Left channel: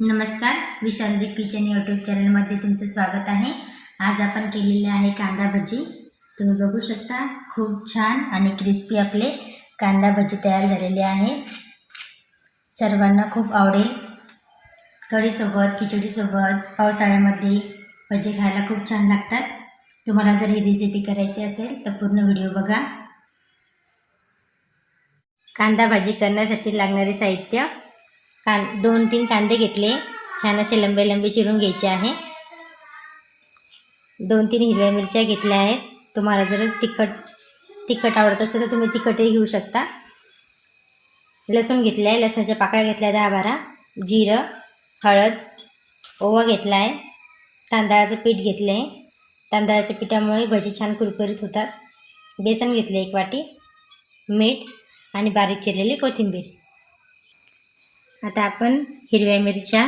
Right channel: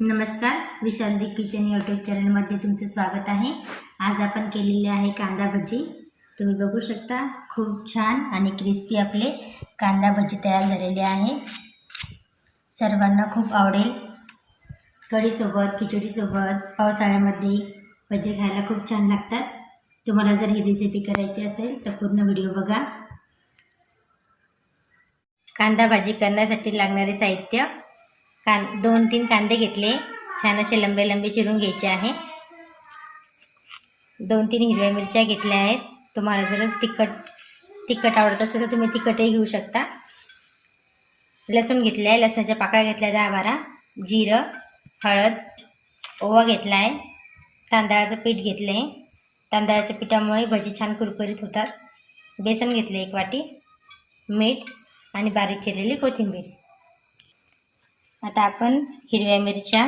नमस्कार Vishaldeep kitchen YouTube चॅनलमध्ये तुमचं स्वागत आहे. आज आपण केलेले आहे कांदा भजी. तुम्ही बघू शकता खूप छान आणि क्रिस्पी आपले कांदा भजी तयार झालेले आहे. सर्वांना खूप आवडेल. कढीसोबत खिचडीसोबत पावसाळ्यामध्ये भजी खायला खूप छान लागतात. तुम्हाला जर ही रेसिपी करायची असेल तर पूर्ण व्हिडिओ बघा. कांदा भाजी करण्यासाठी लागणारे साहित्य कां दोन तीन कांदे घेतले. छान असे लंबे लंबे चिरून घ्यायचे आहे. दोन तीन हिरव्या मिरच्या घेतल्या आहेत. तुम्हाला जर तिखट तिखट आवडत असेल तर तुम्ही तिखटही घेऊ शकता. लसूण घेतलं आहे. लसणाच्या पाकळ्या घेतल्या दहा बारा जिरं हळद ओवा घेतला आहे. तांदळाचं पीठ घेतलं आहे तांदळाच्या पिठामुळे भजी छान कुरकुरीत होतात. बेसन घेतलं एक वाटी. मीठ आणि बारीक चिरलेली कोथिंबीर. आता आपण हिरव्या मिरच्या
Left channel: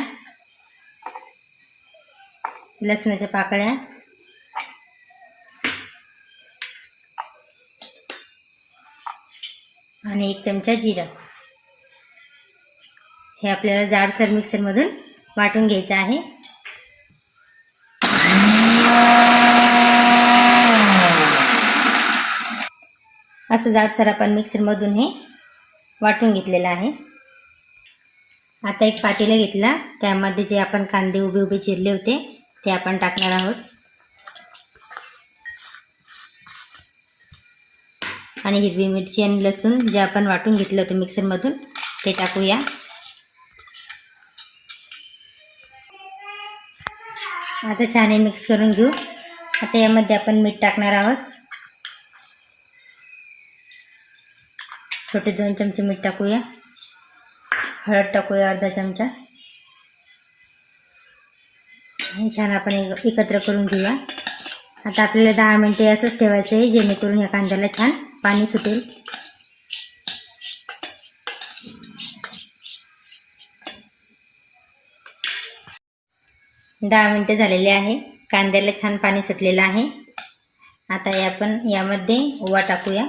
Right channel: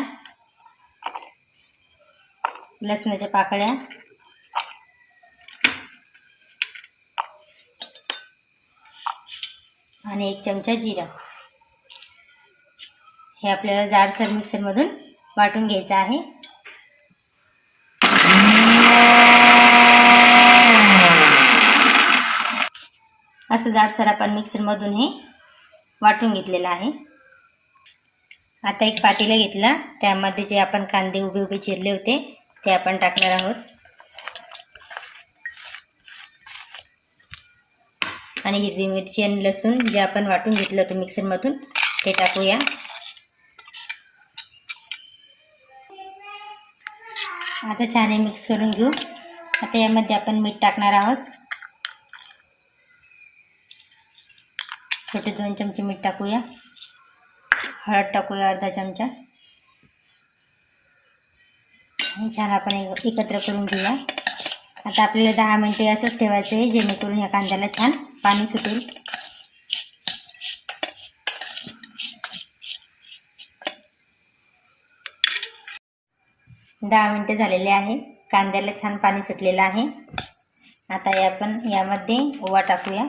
लसणाच्या पाकळ्या आणि एक चमचा जिरा. हे आपल्याला जाडसर मिक्सरमधून वाटून घ्यायचं आहे. असं जाडसर आपण मिक्सरमधून हे वाटून घेतलेलं आहे. आता एक पातेलं घेतलं. त्यामध्ये जे आपण कांदे उभे उभे चिरले होते ते आपण टाकणार आहोत. आणि हिरवी मिरची आणि लसूण जे आपण वाटून घेतलं होतं मिक्सरमधून ते टाकूया. आता छान हे मिक्स करून घेऊ. आता यामध्ये आपण मीठ टाकणार आहोत. छोटे दोन चमचे मीठ टाकूया. हळद टाकूया अर्धा चमचा. छान आपण एक एकत्र करून घेऊया. आता आपल्याला दहा मिनटे असंच ठेवायचं आहे जेणेकरून या कांद्याला छान पाणी सुटेल. दहा मिनटं झालेले आहे. कांद्याला छान पाणी सुटलेलं आहे. आता या आपण यामध्ये ओवा टाकूया.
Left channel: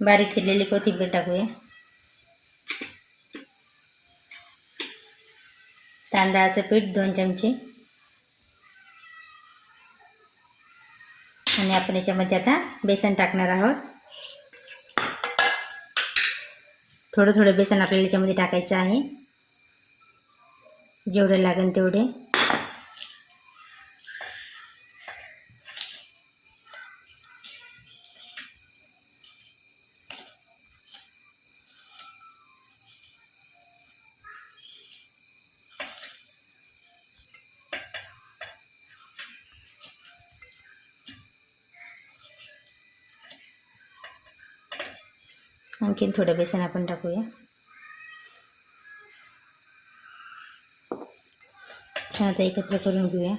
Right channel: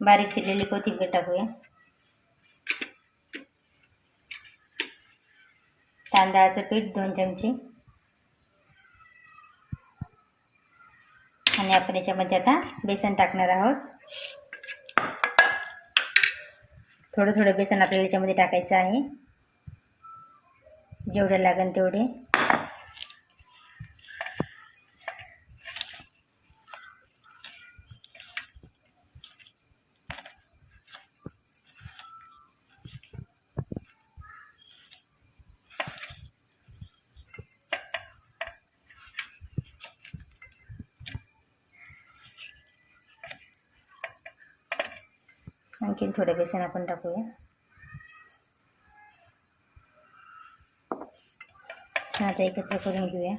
बारीक चिरलेली कोथिंबीर टाकूया. तांदळाचं पीठ दोन चमचे. आणि आपण याच्यामध्ये आता बेसन टाकणार आहोत. थोडं थोडं बेसन आपल्याला याच्यामध्ये टाकायचं आहे. जेवढं लागेल तेवढे. आणखीन थोडं बेसन आपण टाकूया. छान आता एकत्र करून घेऊया.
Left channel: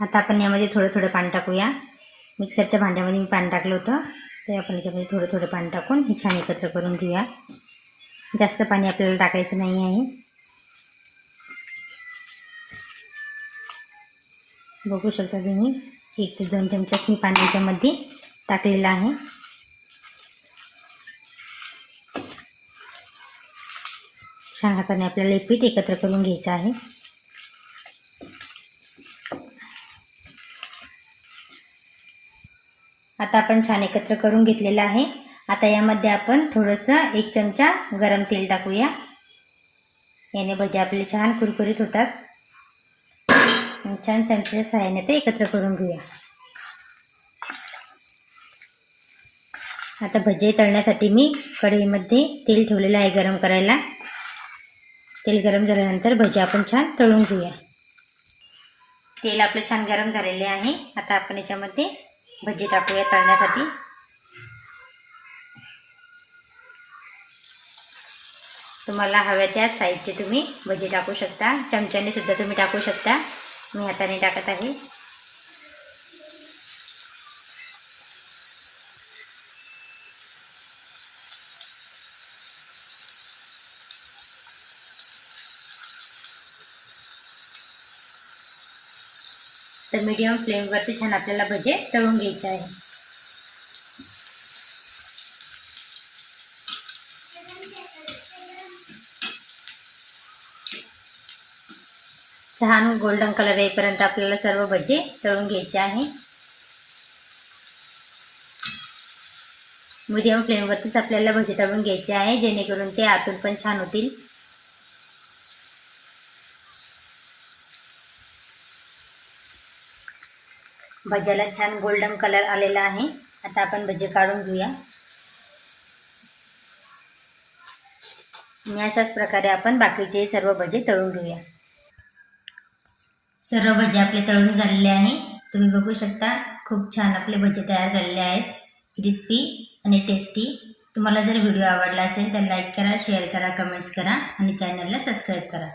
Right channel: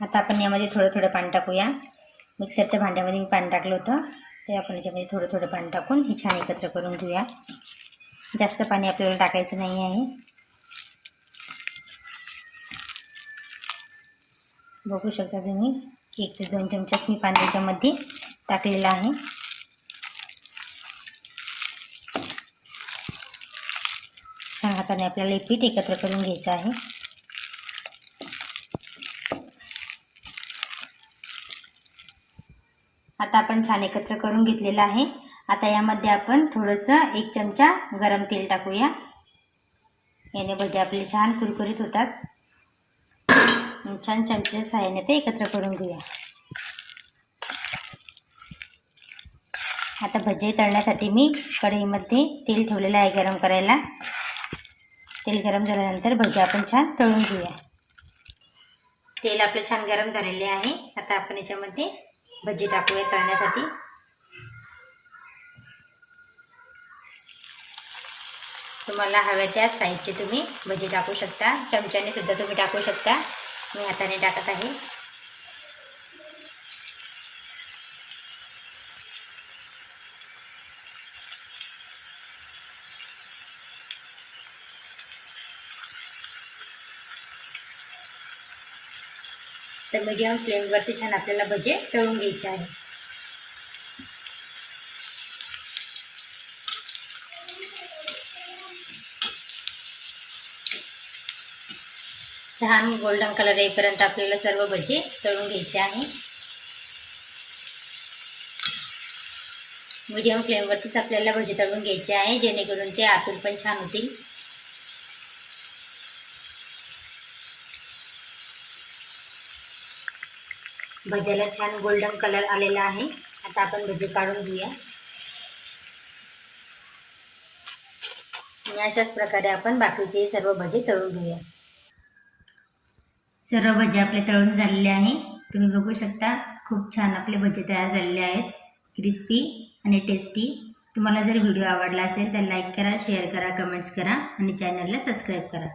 आता आपण यामध्ये थोडं थोडं पाणी टाकूया. मिक्सरच्या भांड्यामध्ये मी पाणी टाकलं होतं. तर आपण याच्यामध्ये थोडं थोडं पाणी टाकून हे छान एकत्र करून घेऊया. जास्त पाणी आपल्याला टाकायचं नाही आहे. बघू शकता तुम्ही. एक ते दोन चमचा मी पाणी याच्यामध्ये आहे. छान हाताने आपल्याला हे पीठ एकत्र करून घ्यायचं आहे. आता आपण छान एकत्र करून घेतलेलं आहे. आता यामध्ये आपण थोडंसं एक चमचा गरम तेल टाकूया. याने भजी आपले छान कुरकुरीत होतात. छान चमच्याच्या सहाय्याने ते एकत्र करून घेऊया. आता भजे तळण्यासाठी मी कढईमध्ये तेल ठेवलेलं आहे गरम करायला. तेल गरम झाल्यानंतर भजी आपण छान तळून घेऊया. तेल आपले छान गरम झालेले आहे. आता आपण याच्यामध्ये भजी टाकूया तळण्यासाठी. तुम्हाला हव्या त्या साईजचे तुम्ही भजी टाकू शकता. चमच्याने सुद्धा तुम्ही टाकू शकता. मी हाताने टाकत आहे. तर मीडियम फ्लेमवरती छान आपल्याला भजे तळून घ्यायचे आहे. छान गोल्डन कलर येईपर्यंत आपल्याला सर्व भजे तळून घ्यायचे आहे. मीडियम फ्लेमवरतीच आपल्याला भजे तळून घ्यायचे आहे जेणेकरून ते आतून पण छान होतील. भज्याला छान गोल्डन कलर आलेला आहे. आता आपण भजे काढून घेऊया. आणि अशाच प्रकारे आपण बाकीचे सर्व भजे तळून घेऊया. सर्व भजे आपले तळून झालेले आहे. तुम्ही बघू शकता खूप छान आपले भजे तयार झालेले आहेत. क्रिस्पी आणि टेस्टी तुम्हाला जर व्हिडिओ आवडला असेल तर लाईक करा शेअर करा कमेंट्स करा आणि चॅनलला सबस्क्राईब करा.